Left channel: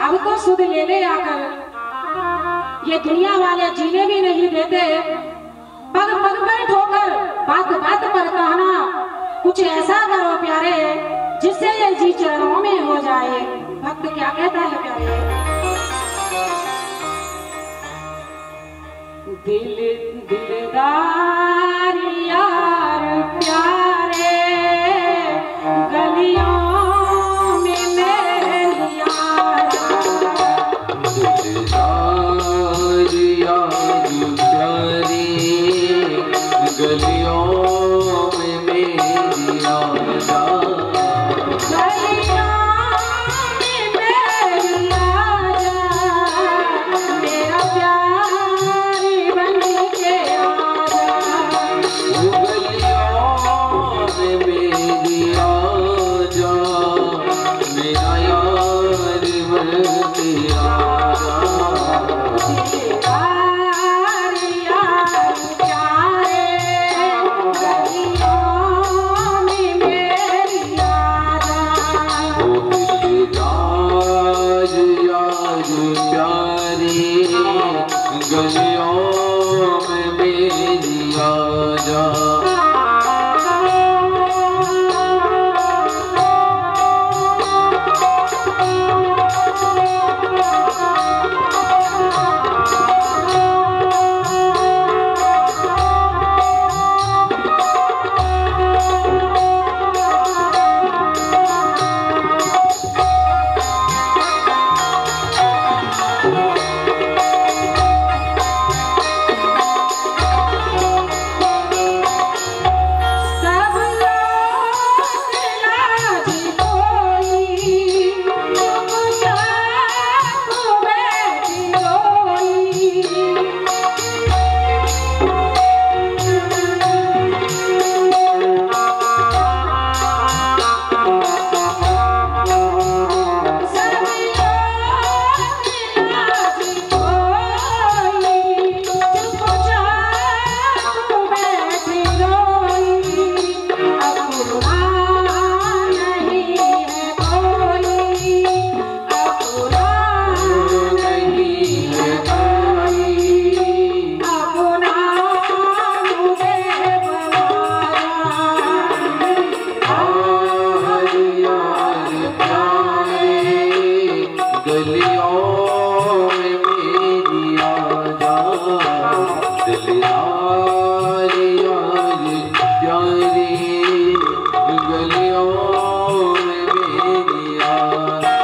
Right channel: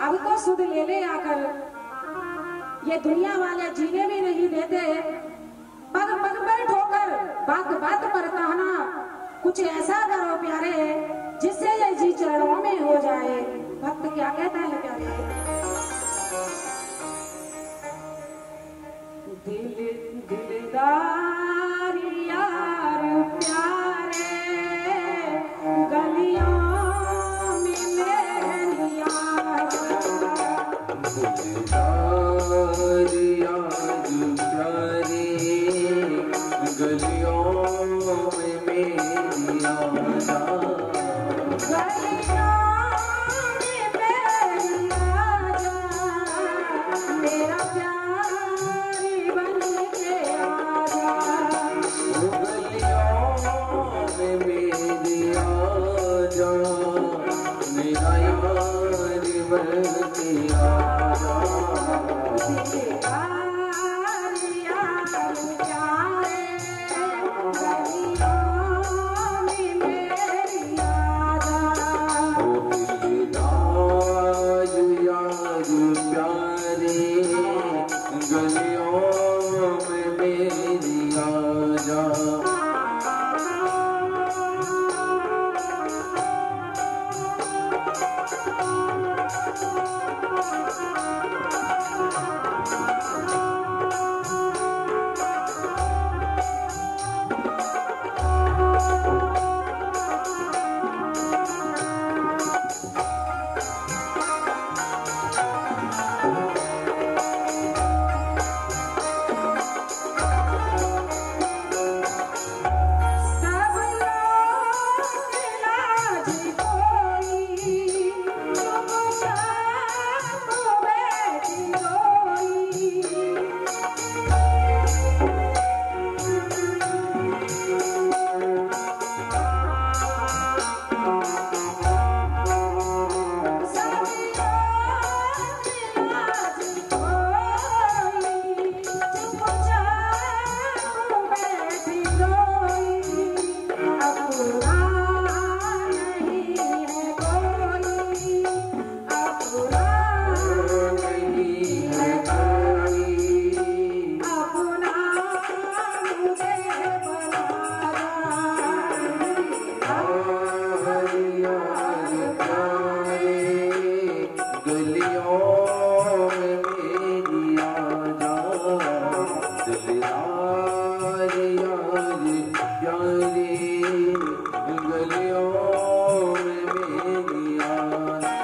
अब तो सुध ले ले आकर, ये दुनिया वाले जीने भी नहीं देते। पग पग पर ठोकर, बात बात पर कहना, कुछ ऐसा करो प्यारे जिससे ये जी चरणों में हो जाए। भक्त क्या कहता है प्यारे? दिलदार यार प्यारे गलियों में मेरे यार, दिलदार यार प्यारे गलियों में मेरी आजा, गलियों में मेरी आजा, मेरा प्यार बन के आजा। गलियों में मेरी आजा, मेरा यार बन के आजा। दिलदार यार प्यारे गलियों में मेरी आजा, दिलदार यार प्यारे गलियों में मेरी आजा। सब लोग लाज कोई, चुपचाप बैठी रोई। सब लोग लाज कोई, चुपचाप बैठी रोई। अपना नहीं है कोई, अपना नहीं है कोई, अपना मुझे गलियों में मेरी आजा, दिलदार यार प्यारे गलियों में मेरी आजा।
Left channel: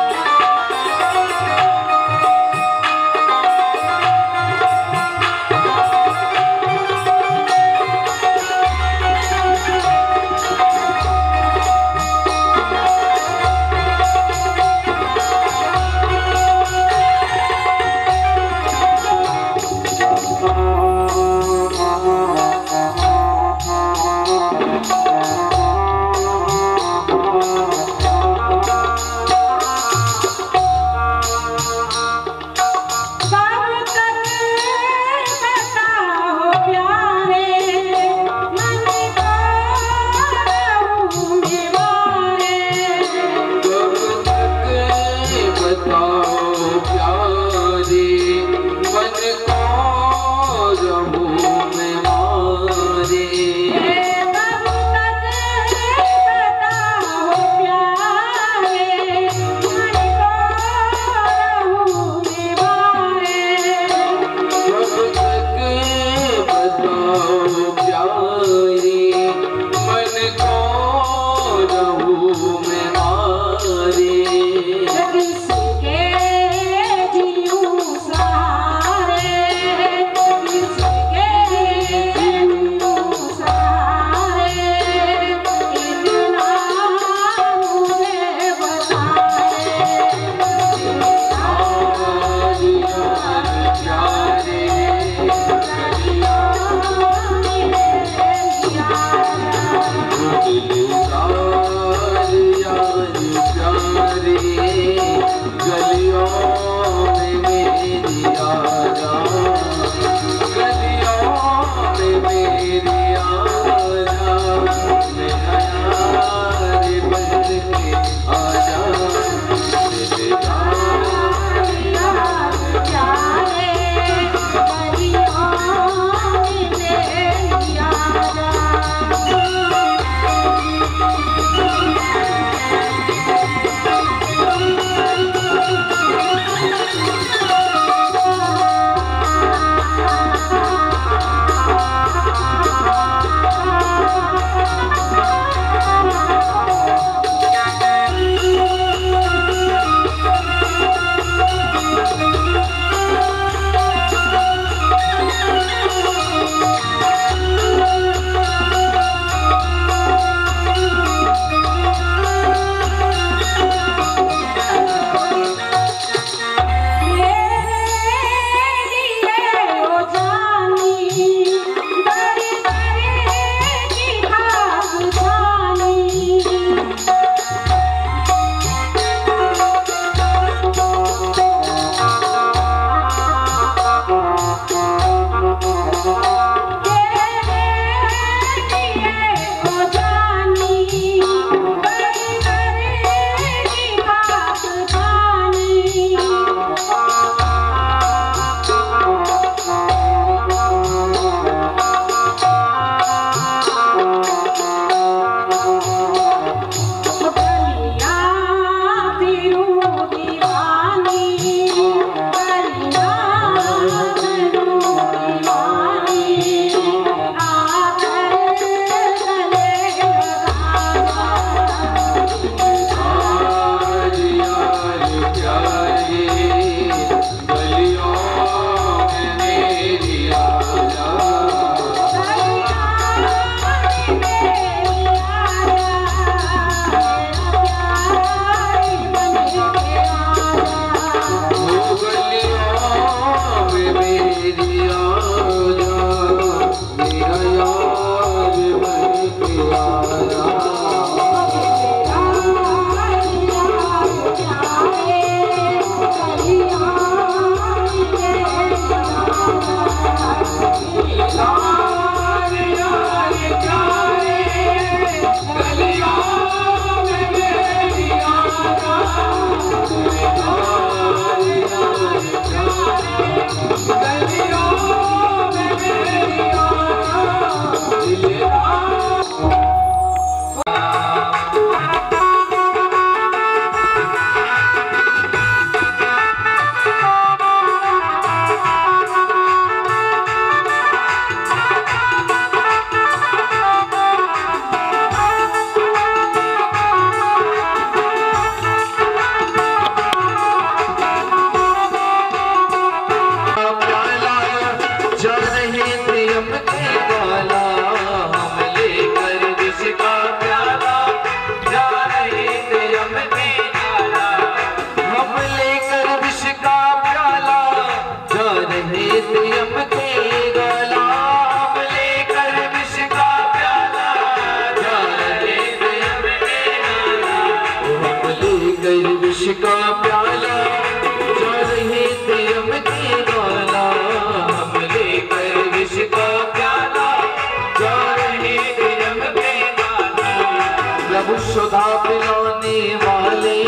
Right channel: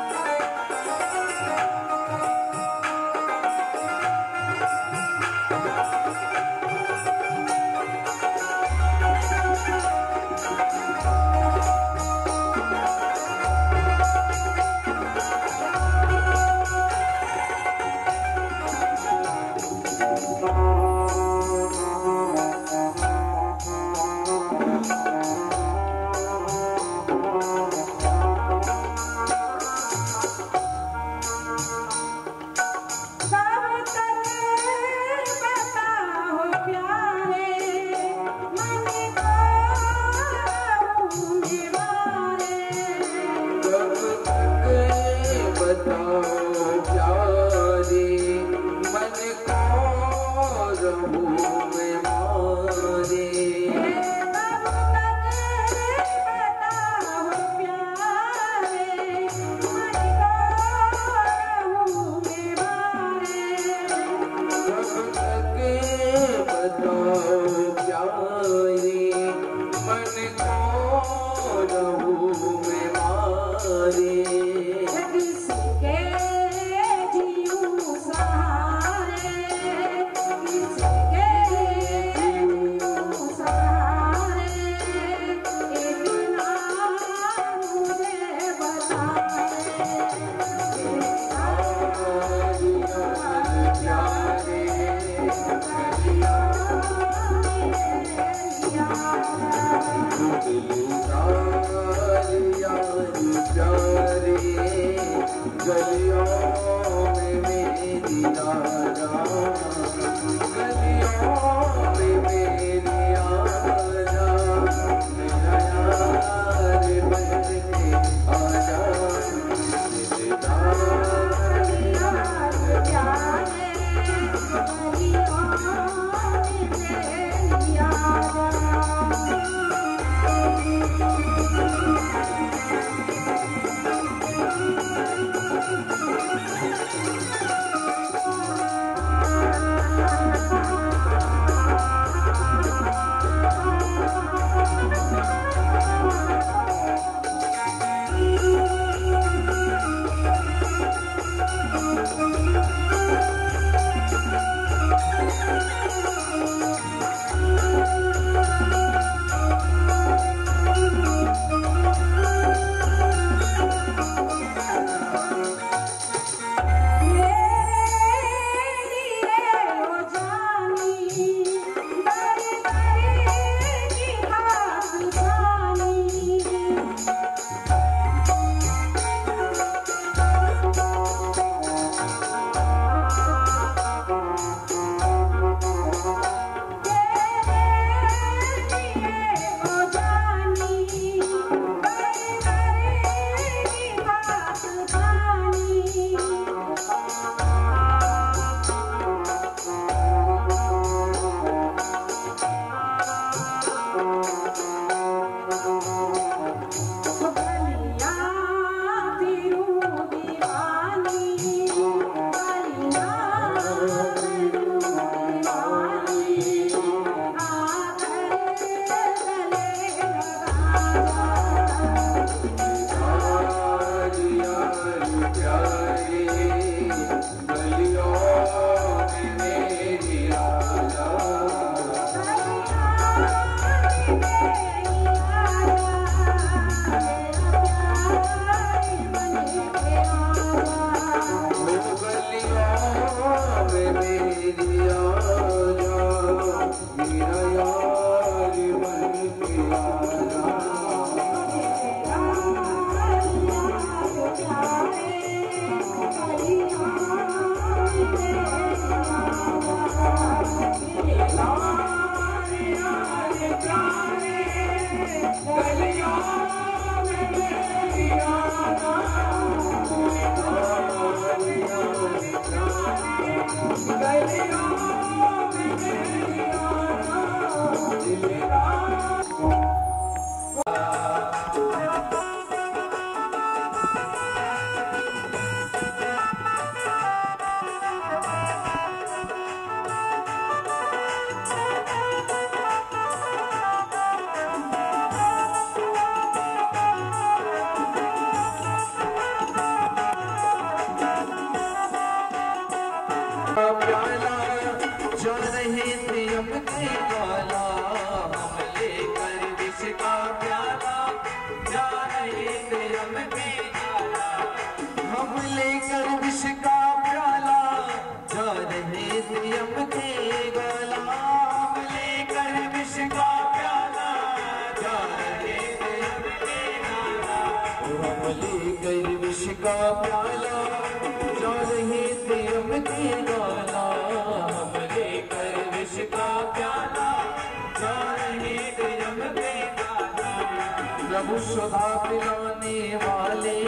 सुधा पिलाने वाले,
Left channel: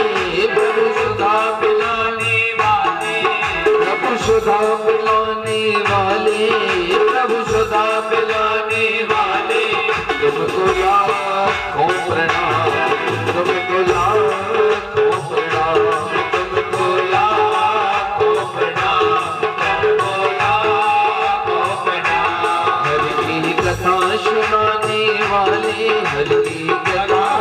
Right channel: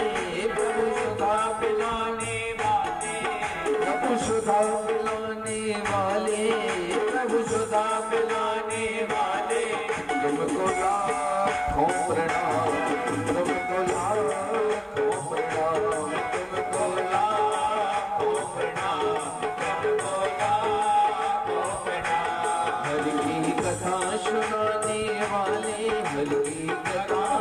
प्रभु सुधा पिलाने वाले, प्रभु सुधा पिलाने वाले, प्रभु सुधा पिलाने वाले, तुमको लाखों प्रणाम, तुमको लाखों प्रणाम, तुमको लाखों प्रणाम, तुमको लाखों प्रणाम। हरि की कथा सुनाने वाले, हरि की प्रणाम।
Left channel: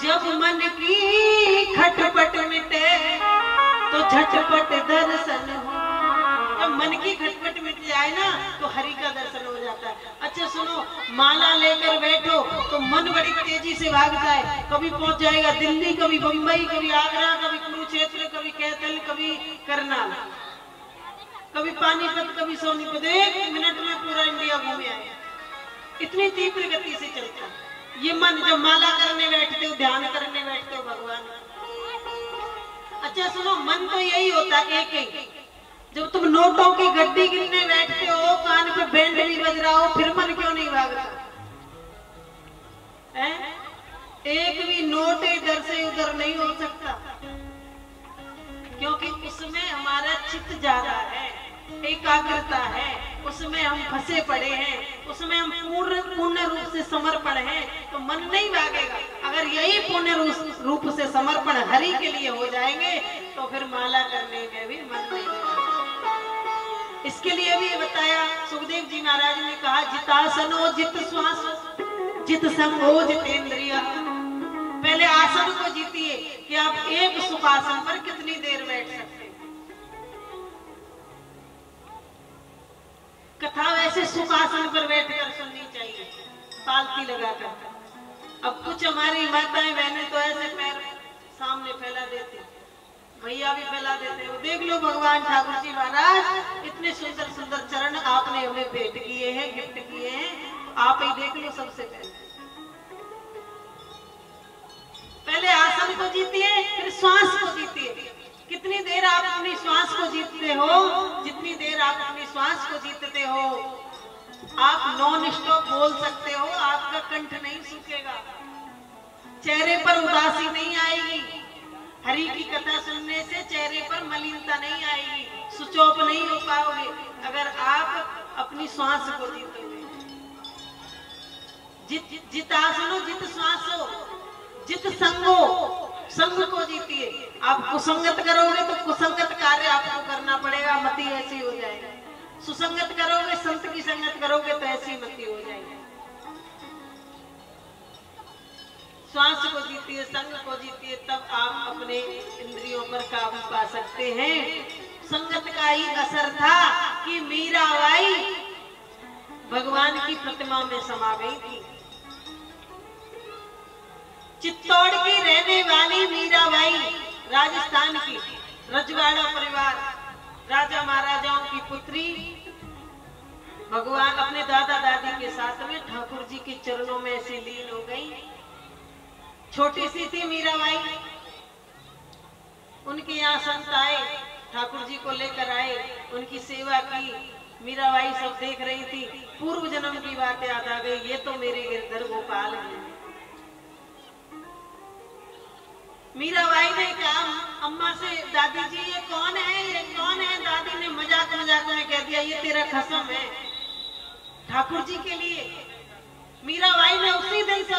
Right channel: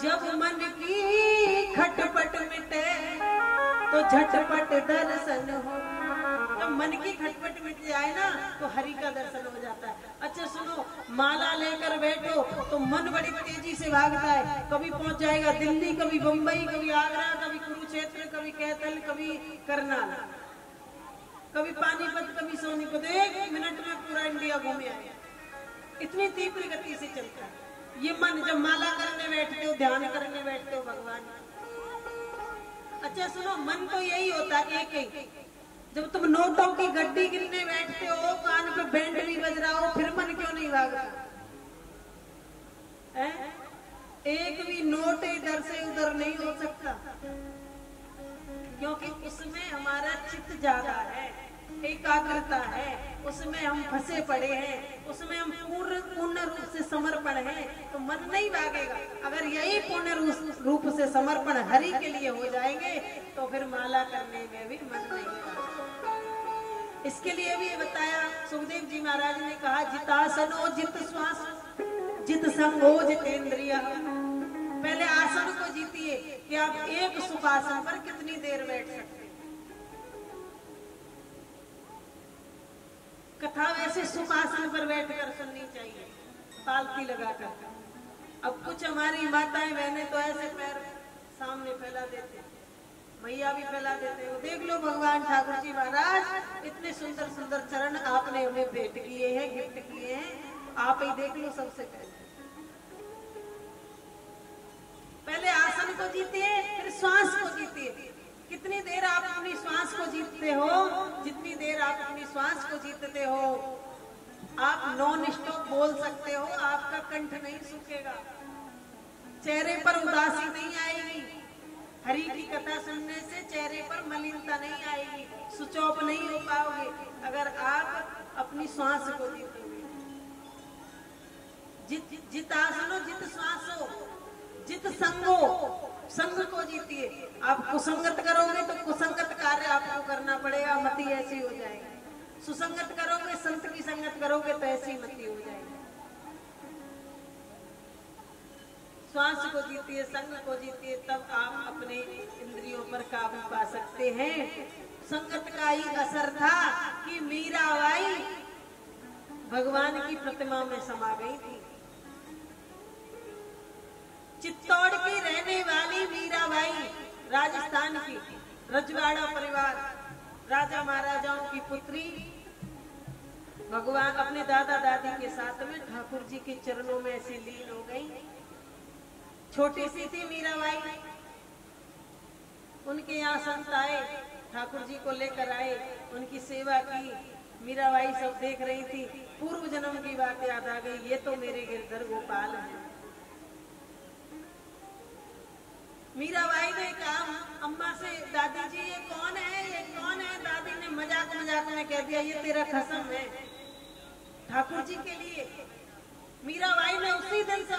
जब मन की खटपट मिटे तो झटपट दर्शन हो। जब मन की खटपट मिट जाए ना तो हरि का दर्शन हो जाता है। अच्छा सुनो, माला लेकर बैठो तो मन बड़ी तेजी से भागता है। कभी पहुंच जाएगा दिल्ली, कभी बंबई, कभी आगरा, कभी कुरुक्षेत्र, कभी कैथल, कभी करनाल, कभी पानीपत, कभी सोनीपत। 1 मिनट में पूरा इंडिया घूमे आए। इतनी तीव्र गति से चलता है ये मन। जब माला करने बैठते हो, ध्यान करने बैठते हो भगवान। अच्छा सुनो, मन तो यही होता है एक ही। जब तुम नोटों की गड्डी गिनने बैठते हो, कान पे बैंड भी बज रहा हो, फिर मन क्यों नहीं भागता है? एक भी नोट इधर से उधर नहीं हो सकता, क्योंकि उसमें हमारा चित्त ज्यादा है, एकाग्रता है, उसमें हम फंसे पड़े हैं, उसमें हम पूर्ण रूप से समर्पण हैं, तो मन नहीं भागेगा। अगर यही पूर्ण रूप से समर्पण हरि के लिए हो जाएंगे तो फिर माला करने में भी मन नहीं भागेगा। इसके लिए भी बताया सुखदेव जी महाराज ने कहा, जितासनो जित श्वास जित संगो जितेंद्रिया। पहले आसन को जीतिए कि आप एक सुखासन पर कितनी देर बैठ सकते हैं। कथा वैसे सुखासन पर बैठकर सुननी चाहिए, तालती लगाकर। अब कुछ हमारी माताएं बहनें तो ऐसे पैर सामने फैला देते, भैया भी फैला देते हैं। देख लो भगवान ठाकुर जी महाराज, इतने सुंदर सुंदर चरण आपने हमें भेंट किए हैं, गिफ्ट किए हैं, आप ही देख लो। सबसे पहले आसन को जीतिए, फिर श्वास को जीतिए। कितनी देर आप अपनी श्वास को जीतते हो, जितनी देर आप अपनी श्वास को जीतते हो, आप नॉन स्टॉप बोल सकते हो, आपका कंठ नहीं सूखेगा, चेहरे पर उदासी नहीं आएगी। हरि की कथा सुनने से चेहरे पर मलिनता नहीं आएगी, स्विच ऑफ नहीं हो पाओगे अगर आप अपनी श्वास को जीतोगे। जितासनो जित श्वासो जित संगो, संग को जीतिए। आप कुसंगत करोगे तो कुसंगत कार्य आपको करना पड़ेगा, मति ऐसी हो जाएगी। सुसंगत करोगे, संत की संगत करोगे तो ऐसी मति हो जाएगी। श्वास को जीतिए, संग को जीतिए, तब आप अपने इंद्रियों पर काबू पा सकते हैं। संगत का ही असर था कि मीराबाई भगवान की प्रतिमा में समा गई थी। चित्तौड़ की रहने वाली मीराबाई, राजस्थान की रजवाड़ा परिवार, राजा महाराजाओं की पुत्री, भगवान अपने दादा दादी के साथ में ठाकुर जी के चरणों में ऐसी लीन हो गई। छोटी सी थी मीराबाई, उनके यहाँ संत आए, ठाकुर जी को लेकर आए, उनकी सेवा की। मीराबाई सब देख रही थी, पूर्व जन्म की बात याद आ गई, ये तो मेरे गिरधर गोपाल हैं। मीराबाई ने कहा अम्मा से, दादी जी ये कौन है, ये कौन है? दादी ने मजाक मजाक में कह दिया, ये तेरा खसम है ठाकुर जी के लिए। मीराबाई ने उसी दिन से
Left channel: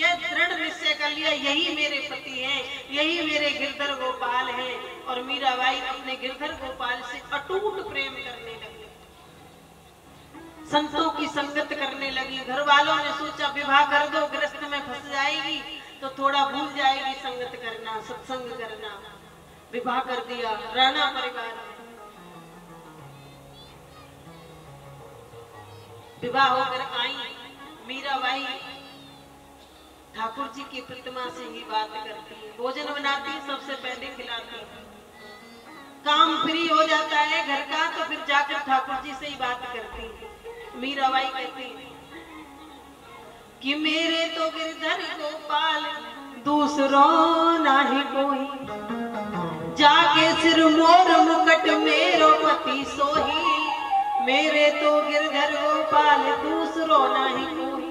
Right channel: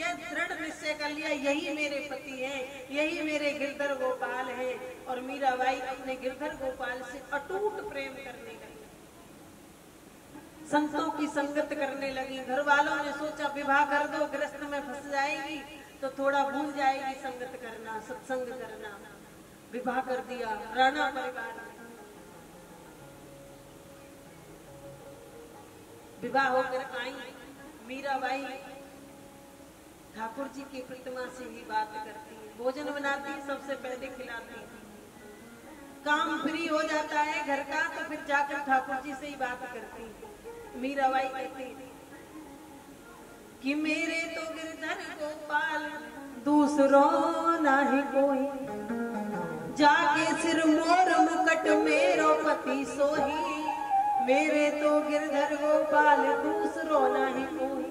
यह दृढ़ निश्चय कर लिया, यही मेरे पति हैं, यही मेरे गिरधर गोपाल हैं। और मीराबाई अपने गिरधर गोपाल से अटूट प्रेम करने लगी, संतों की संगत करने लगी। घर वालों ने सोचा विवाह कर दो, गृहस्थ में फंस जाएगी तो थोड़ा भूल जाएगी संगत करना, सत्संग करना। विवाह कर दिया राणा परिवार में। विवाह होकर आई मीराबाई, ठाकुर जी की प्रतिमा से ही बात करती है, भोजन बनाती, सबसे पहले खिलाती। काम फ्री हो जाता है घर का तो फिर जाकर ठाकुर जी से ही बात करती। मीराबाई कहती कि मेरे तो गिरधर गोपाल दूसरों नाही कोई, जाके सिर मोर मुकट मेरो पति सोही। मेरे तो गिरधर गोपाल दूसरों नाही कोई,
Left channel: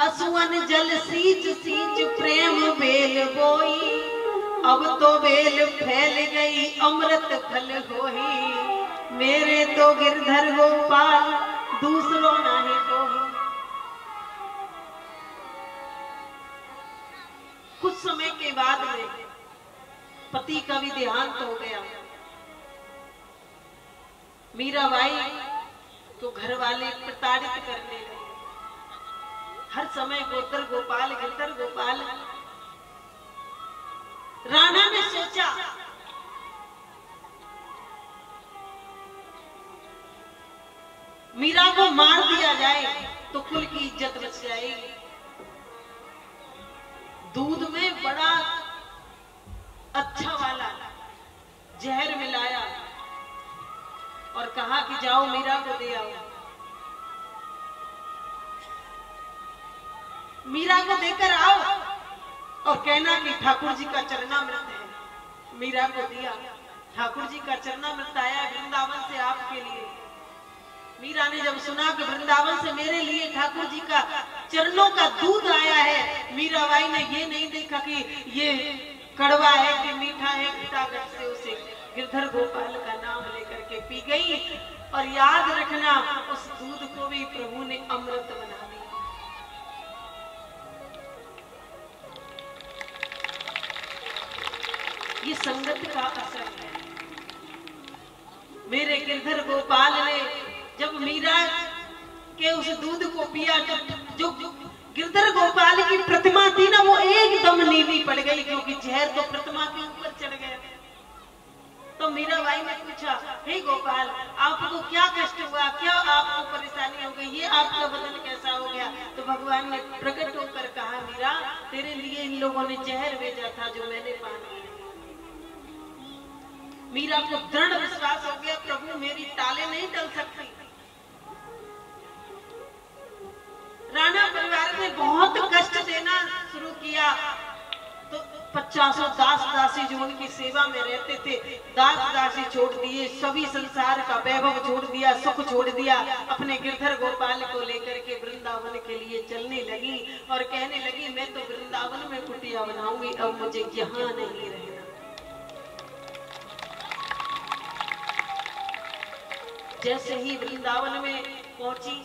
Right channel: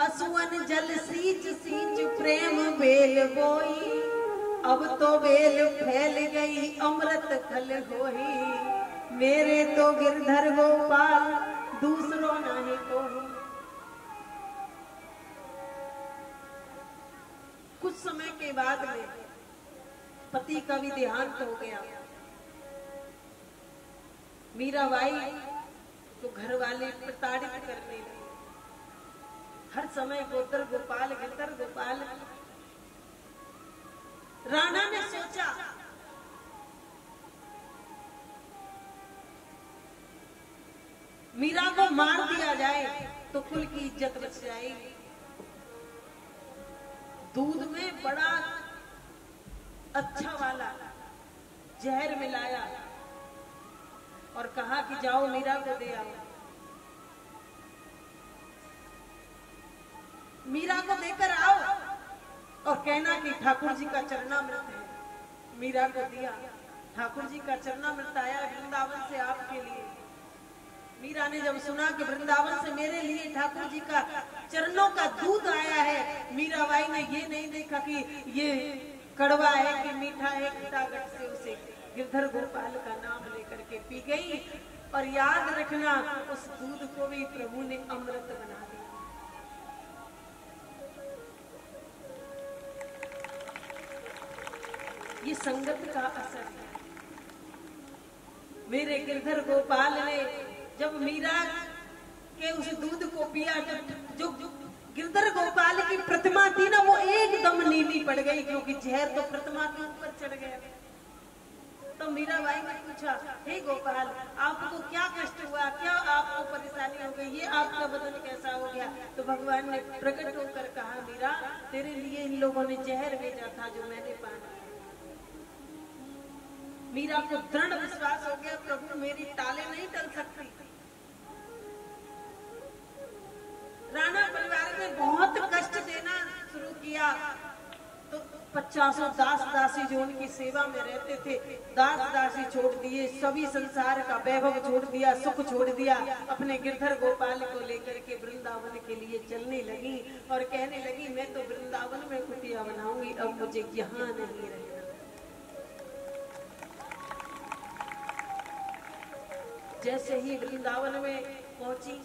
असुवन जल सींच सींच प्रेम बेल बोई। अब तो बेल फैल गई अमृत फल होई। मेरे तो गिरधर गोपाल दूसरों नाही कोई। कुछ समय के बाद में पति का भी देहांत हो गया। मीराबाई तो घर वाले प्रताड़ित करने लगे, हर समय गिरधर गोपाल गिरधर गोपाल। राणा ने सोचा मीरा को मार दिया जाए तो कुल की इज्जत बच जाएगी। दूध में बड़ा अच्छा वाला जहर मिलाया और कहा कि जाओ मीरा को दे आओ। मीरा को देकर आओ और कहना कि ठाकुर जी का चरणामृत है। मीरा को दिया, ठाकुर जी का चरणामृत आया वृंदावन से आपके लिए। मीरा ने जब सुना कि वृंदावन से मेरे लिए ठाकुर जी का चरणों का दूध आया है, मीराबाई ने ये नहीं देखा कि ये कड़वा है कि मीठा है, फटाफट से उसे गिरधर गोपाल का नाम लेकर के पी गई। और याद रखना, उस दूध को भी प्रभु ने अमृत बना दिया। ये संगत का असर है। मेरे गिरधर गोपाल ने जब मीरा के उस दूध को पिया, जो गिरधर गोपाल की प्रतिमा थी ना, वो एकदम नीली पड़ गई, क्योंकि जहर तो प्रतिमा के ऊपर चढ़ गया। तो मीराबाई ने पूछा, हे गोपाल, आपको क्या कष्ट हुआ, क्या आपको परेशानी हो गई, ये आपका बदन कैसा हो गया? तो भगवान ने प्रकट होकर कहा, मीरा, तेरे लिए इन लोगों ने जहर भेजा था जो मैंने पान किया। मीरा को दृढ़ विश्वास हो गया, प्रभु मेरी टाले नहीं टल सकती। राणा परिवार ने बहुत कष्ट देना शुरू किया, तो 50 दास दासी जो उनकी सेवा में रहते थे, दास दासी छोड़ दिए, सभी संसार का वैभव छोड़ दिया, सुख छोड़ दिया, अपने गिरधर गोपाल को लेकर के वृंदावन के लिए चलने लगी और कहने लगी, मैं तो वृंदावन में कुटिया बनाऊंगी, अब मुझे यहाँ नहीं रहना। जैसे ही वृंदावन में पहुंची,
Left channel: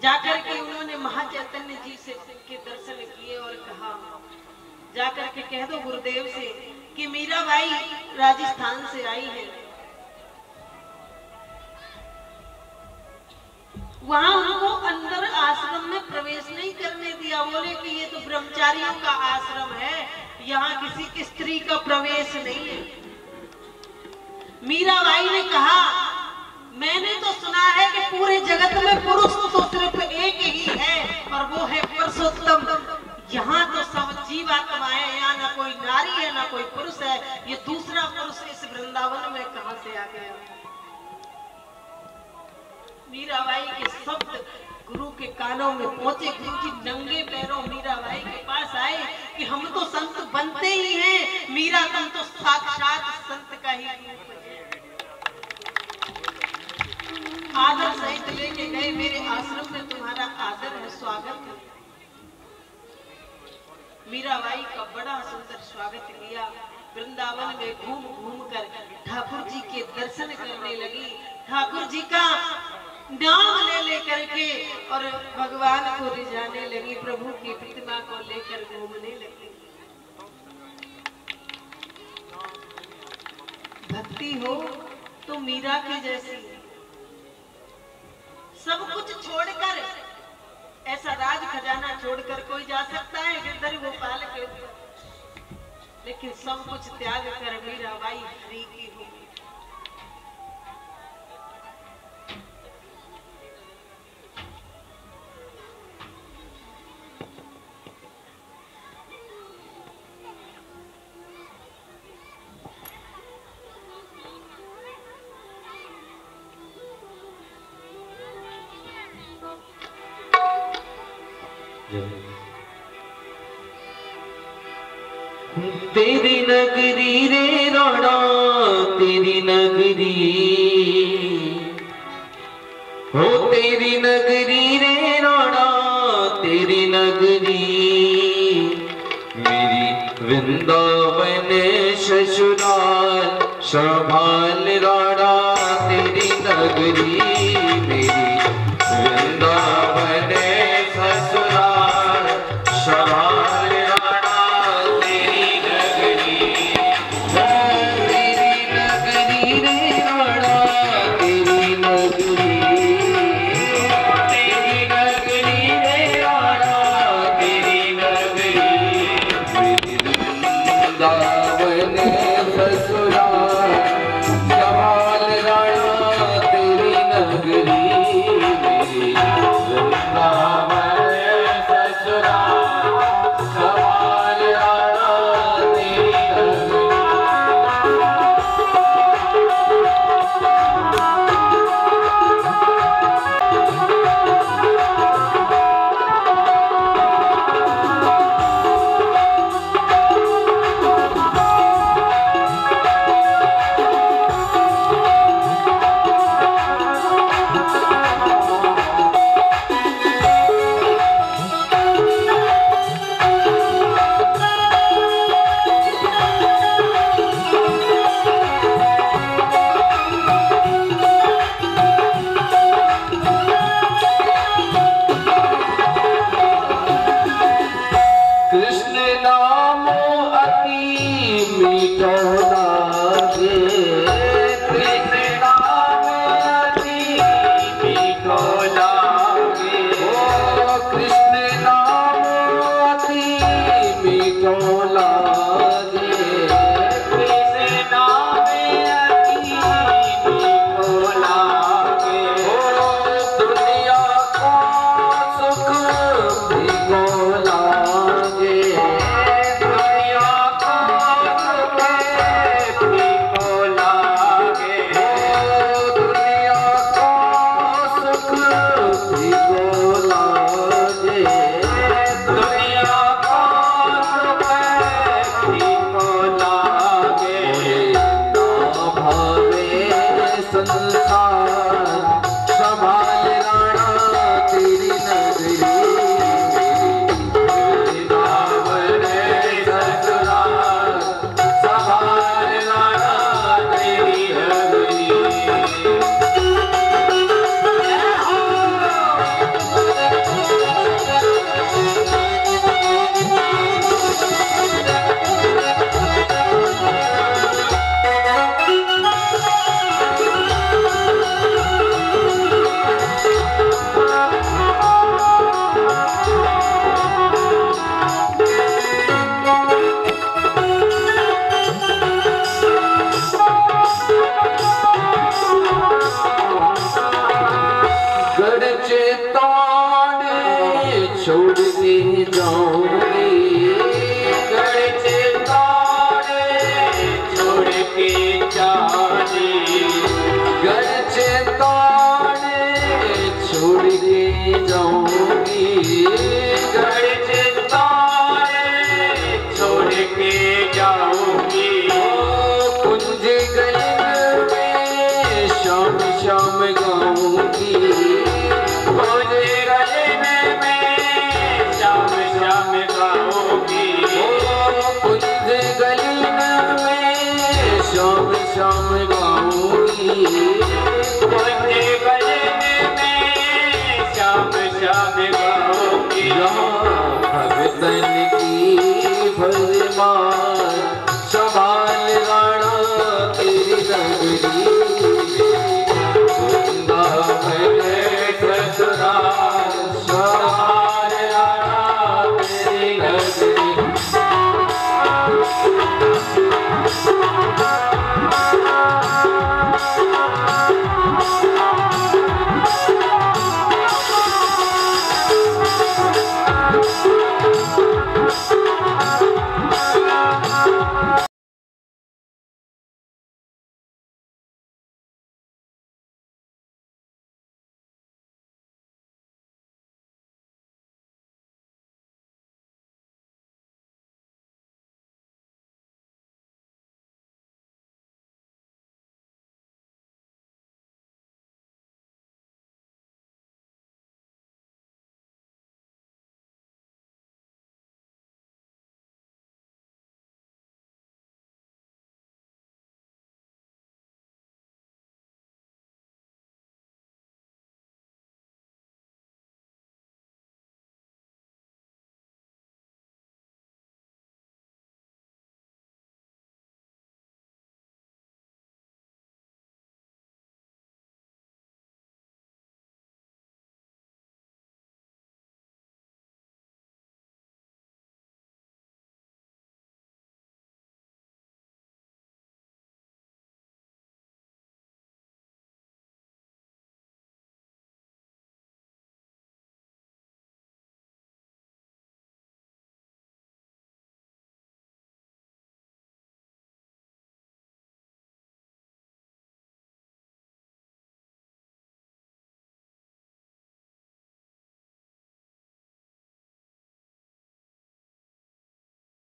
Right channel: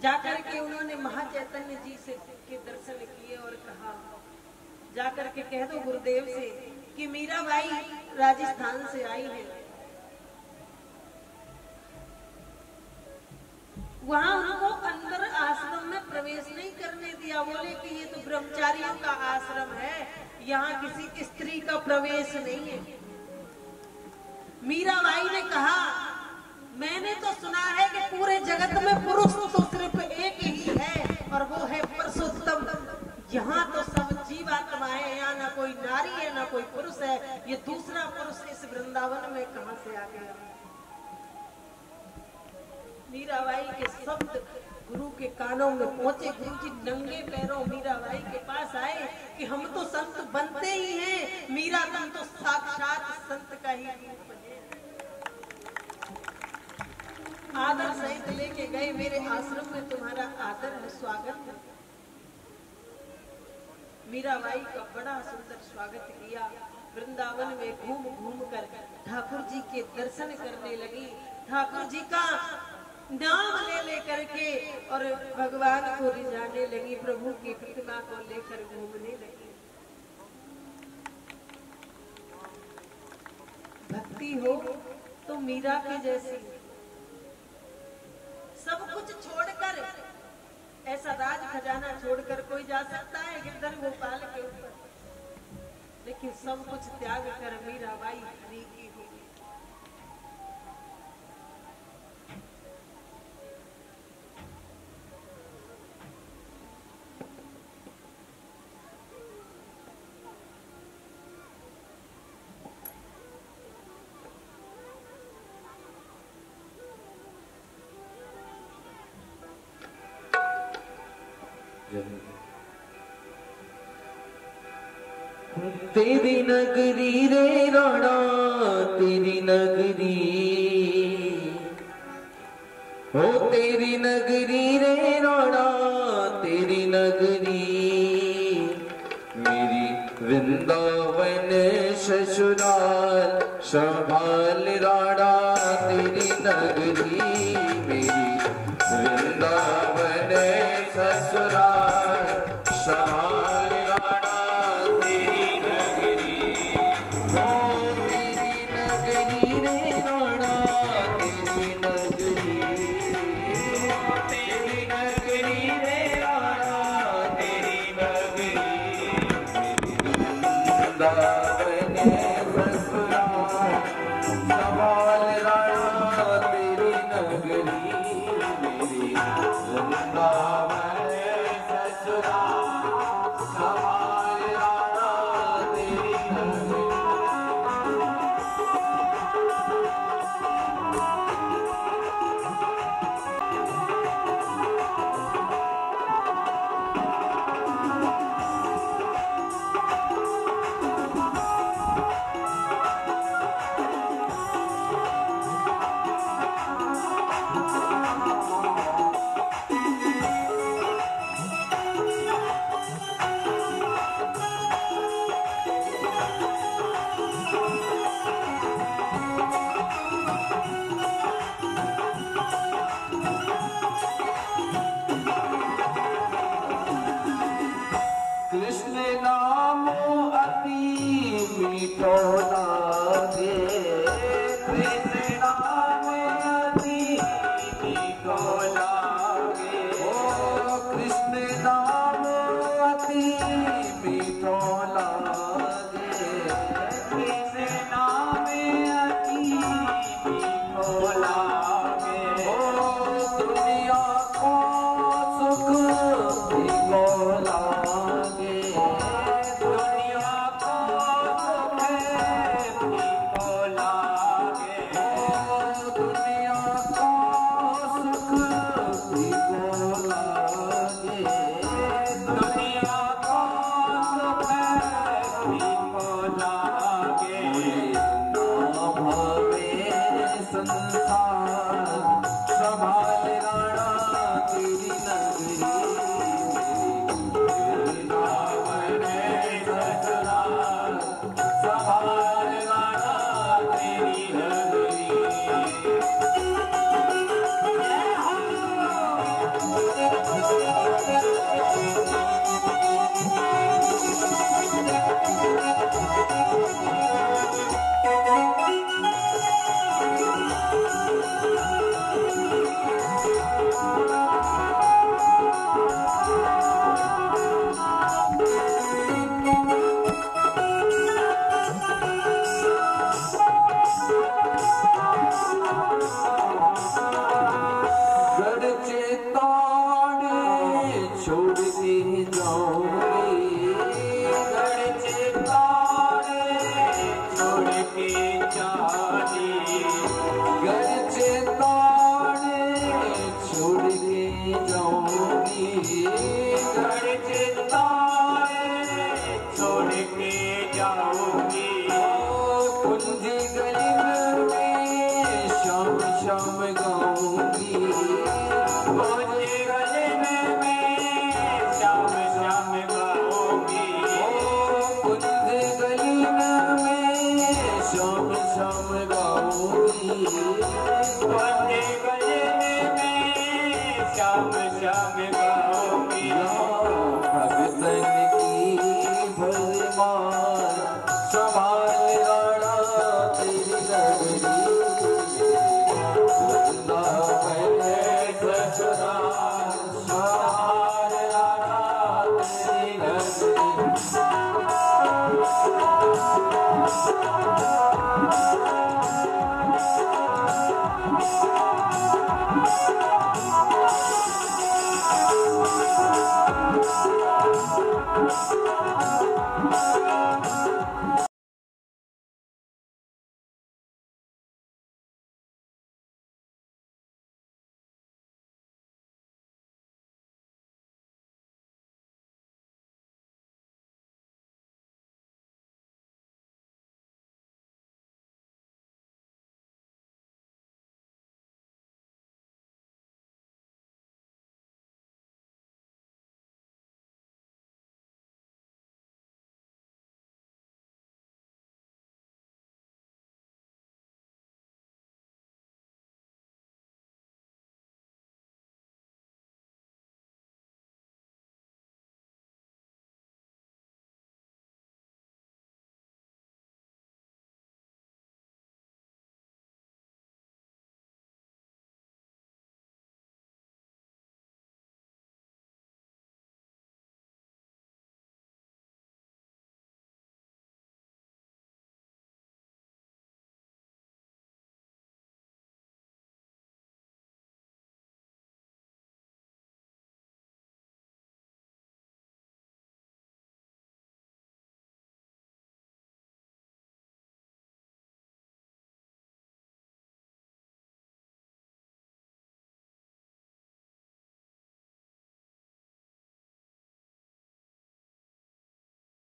जाकर के उन्होंने महाचैतन्य जी से के दर्शन किए और कहा, जाकर के कह दो गुरुदेव से कि मीराबाई राजस्थान से आई है। वहां उनको अंदर आश्रम में प्रवेश नहीं करने दिया, बोले कि ये तो ब्रह्मचारियों का आश्रम है, यहाँ किसी स्त्री का प्रवेश नहीं है। मीराबाई ने कहा, मैंने तो सुना है कि पूरे जगत में पुरुष तो सिर्फ एक ही है और वो है पुरुषोत्तम। यहाँ तो सब जीवात्माएं, यहाँ ना कोई नारी है ना कोई पुरुष है, ये दूसरा पुरुष इस वृंदावन में कहां से आ गया? मीराबाई के शब्द गुरु के कानों में पहुंचे। गुरु जी नंगे पैरों मीराबाई के पास आए कि हम तो संत बनते ही हैं, मीरा तुम तो साक्षात संत का ही रूप है। आदर सहित लेके गए, मेरे आश्रम में तुम्हारा आदर है, स्वागत है। मीराबाई का बड़ा सुंदर स्वागत किया। वृंदावन में घूम घूम कर ठाकुर जी के दर्शन करने लगी, ठाकुर जी का नाम ले लेकर के और भगवान को रिझाने लगी, प्रभु की प्रतिमा को लेकर घूमने लगी। भक्ति हो तो मीरा के जैसी, सब कुछ छोड़कर, ऐसा राज खजाना छोड़कर कोई जा सकता है गिरधर गोपाल के ऊपर, लेकिन सब कुछ त्याग कर मीराबाई फ्री की हुई। तेरी नगरी रे राणा, तेरी नगरी हो, तेरी नगरी रे राणा, तेरी नगरी। मेरी वृंदावन ससुराल संभाल राणा, तेरी नगरी। मेरी वृंदावन ससुराल संभाल राणा, तेरी नगरी। तेरी नगरी रे राणा, तेरी नगरी। तेरी नगरी रे राणा, तेरी नगरी। शाम गाऊंगी। कुंज गगन में शाम शाम गाऊंगी। कुंज गगन में शाम शाम गाऊंगी। कुंज गगन में शाम शाम गाऊंगी।